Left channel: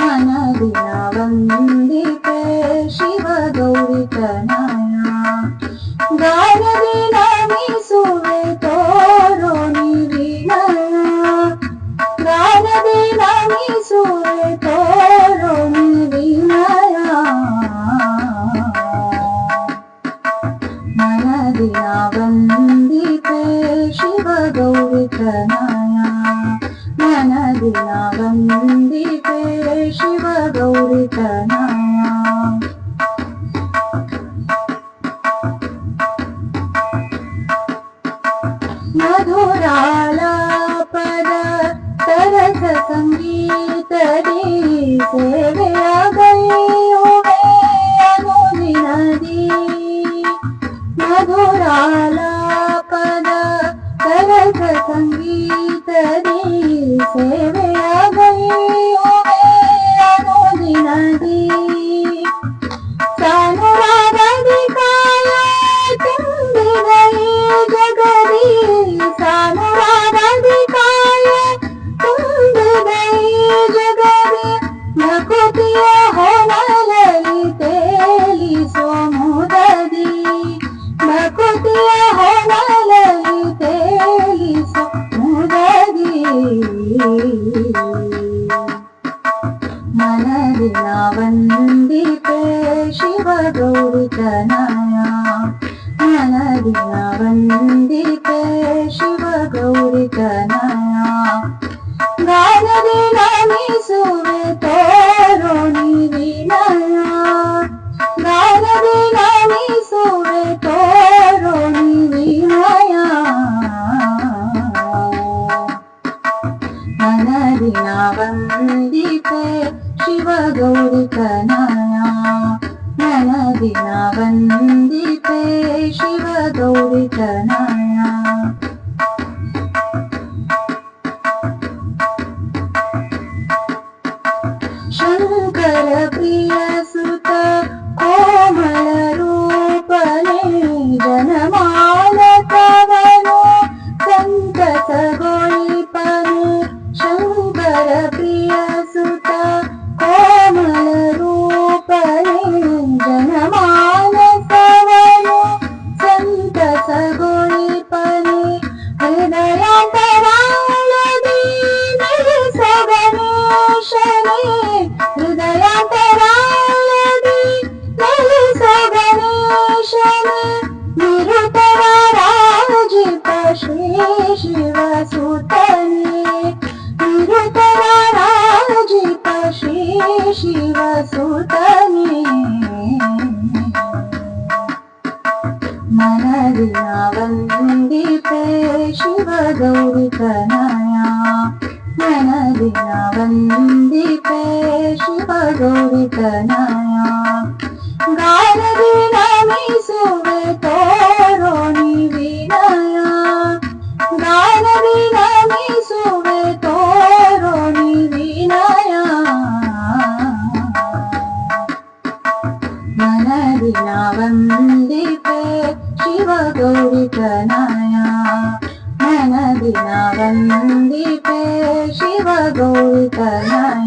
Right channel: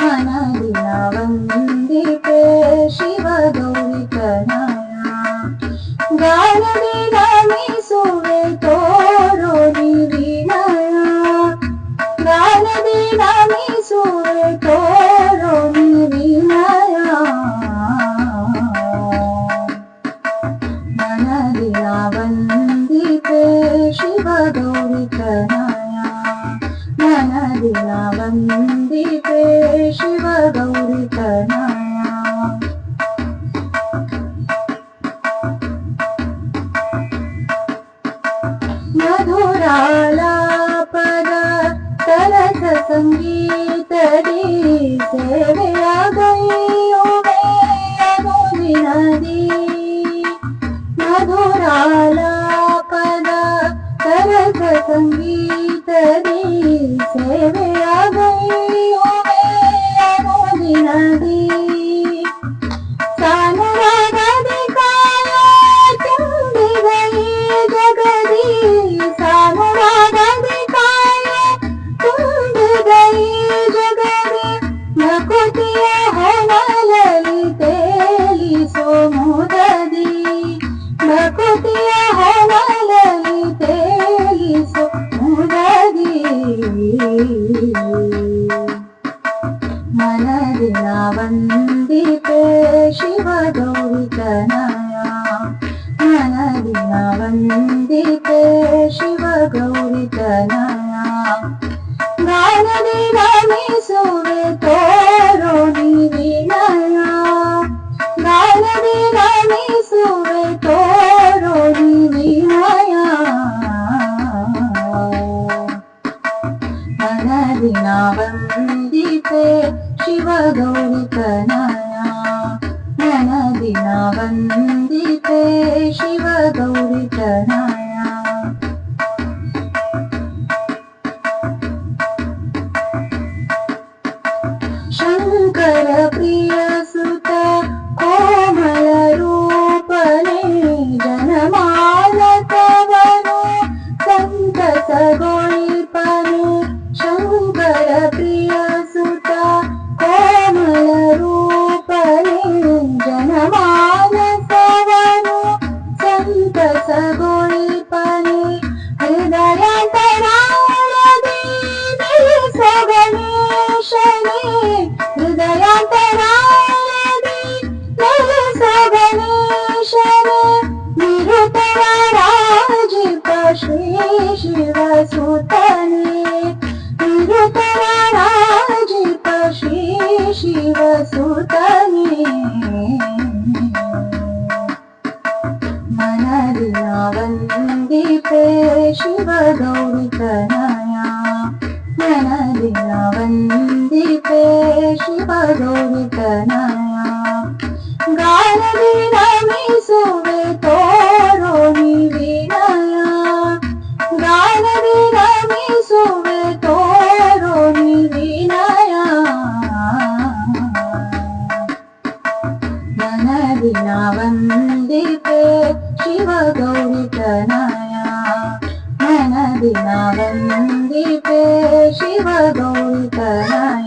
मनदिन वन्दिते शिव गौरी तनया गानदि नमिसुवे तोरो निविनया गानदि नमिसुवे तोरो निविनया मनदिन वन्दिते शिव गौरी तनया मनदिन वन्दिते शिव गौरी तनया मधुरालापद तरस संगीतदी सेವೆಯಾಗೈಯುವೆ ಅನುದಿನದಿ मधुरालापद तरस संगीतदी सेವೆಯಾಗೈಯುವೆ ಅನುದಿನದಿ ಸಾನುರಾಗದಿ ಕಾಯ ತುಂಬಿದ ಈ ಜಗದಿ ಸಾನುರಾಗದಿ ಕಾಯ ತುಂಬಿದ ಈ ಜಗದಿ ನಕುತಿಯ ಹೊನಲಲಿ ತೇಲಿಸೋ ಮುದದಿ ನಕುತಿಯ ಹೊನಲಲಿ ತೇಲಿಸೋ ಮುದದಿ मनदिन वन्दिते शिव गौरी तनया मनदिन वन्दिते शिव गौरी तनया गानदि नमिसुवे तोरो निविनया गानदि नमिसुवे तोरो निविनया मनदिन वन्दिते शिव गौरी तनया मनदिन वन्दिते शिव गौरी तनया शंकर प्रिय सुत कोमल रूपने जनमानसवनु संतसगोळिपने शंकर प्रिय सुत कोमल रूपने जनमानसवनु संतसगोळिपने हृदयांतराळದಿ ನೆಲೆಸೋ ಗಣೇಶನೇ हृदयांतराळದಿ ನೆಲೆಸೋ ಗಣೇಶನೇ ನಿರುತರ ರಾಜಿಪ ಶ್ರೀ ಶಿವ ಸುತನೇ ನಿರುತರ ರಾಜಿಪ ಶ್ರೀ ಶಿವ ಸುತನೇ मनदिन वन्दिते शिव गौरी तनया मनदिन वन्दिते शिव गौरी तनया गानदि नमिसुवे तोरो निविनया गानदि नमिसुवे तोरो निविनया मनदिन वन्दिते शिव गौरी तनया मनदिन वन्दिते शिव गौरी तनया।